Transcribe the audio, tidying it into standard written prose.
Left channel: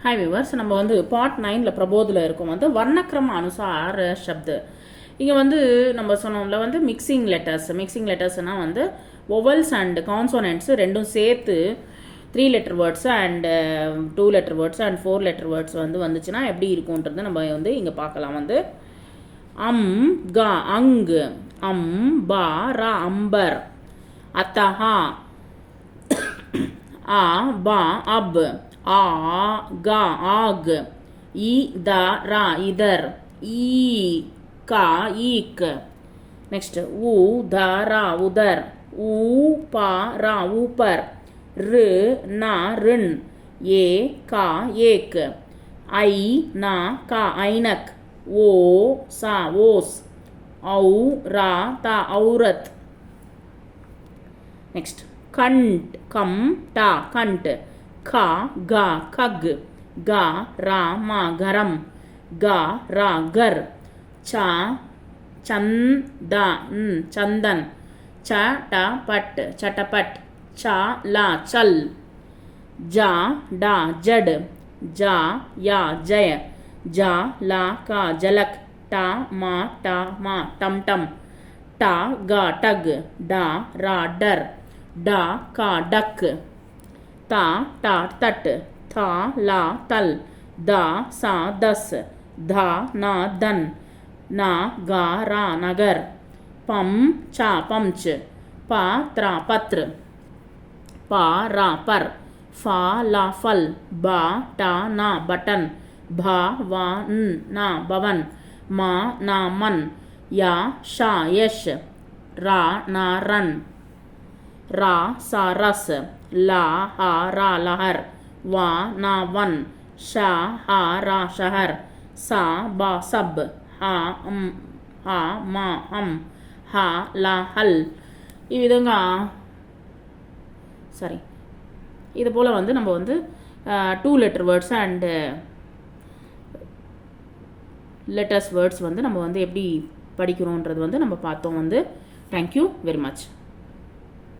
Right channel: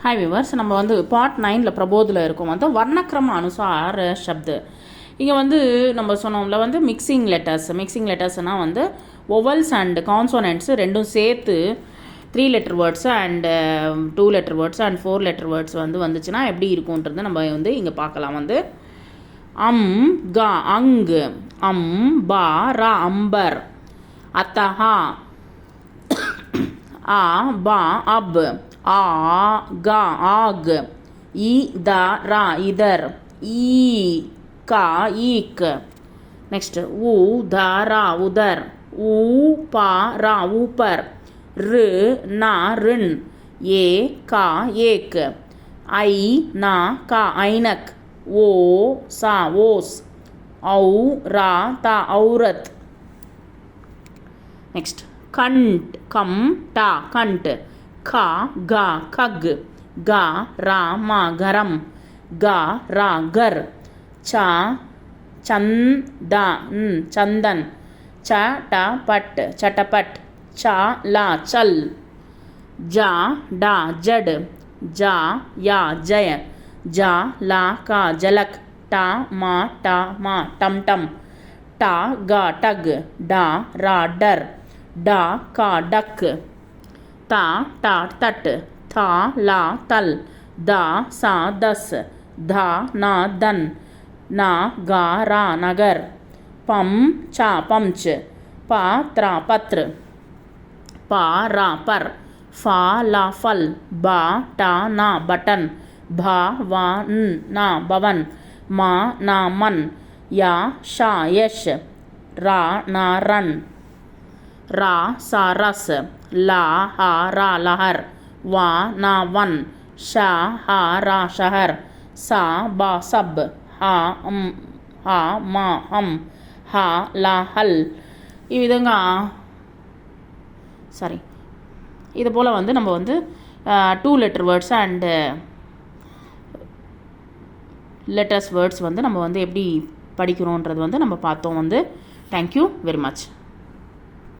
हाय viewers நம்ம வந்து part 9ல பிரபோதில் இருக்கும் வந்து வர்ணக்கிரம அனுசார शब्द இங்கே வந்து நம்ம சொன்னோம்ல வந்து மிக்சிங் லெட்டர்ஸ்னால் வந்து ஒவல்ஸ் அண்ட் கான்சோனன்ட்ஸ் ரெண்டும் சேர்த்து 3 letter words and 2 letter words and 4 letter words வந்து வந்துச்சுன்னா எப்படி இருக்கும்ன்றது நம்ம வந்து இங்கே பார்க்கலாம் வந்து கா அங்கு பா ரா அம்பர் அத்தஹா आ बा अब आ गा आग ई दा रा इधर ई का ईक नेक्स्ट ऊ दा रा उधर ऊ पा रा ऊपर र ना ऋण ए का एक आई ना का ऐनक ओ सा ओस औ रा ता औरत नेक्स्ट कंट कम टा कंट खा गा खग गा रा मा गरम गा रा घर चा चंदा चंदन चा टा पट चटपट चा ला चल जा डा जड जा या जय जा ला का जलक टा मा टम टम टा गा टग डा रा डर डा का डक ता टा तट था ला तल दा सा दस धा ना दन ना गा रा नगर पम चा पमच पा त्रा पत्र पा रा पर फा ला फल बा टा ना बटन भा वा ना भवन मा ना मन या शा यश रा ना रन रा सा रस ला हा रा लहर वा ना वन शा हा रा शहर सा बा सब हा हा मा हम हा ला हल இவ்விதங்க சாரி இது போல் வந்து நம்ம வந்து 2 letter words and letters words வந்து நம்ம வந்து எப்படி படிக்கிறோன்றது வந்து நம்ம பார்த்தோம் வந்து தேங்க்யூ வெரி மச்.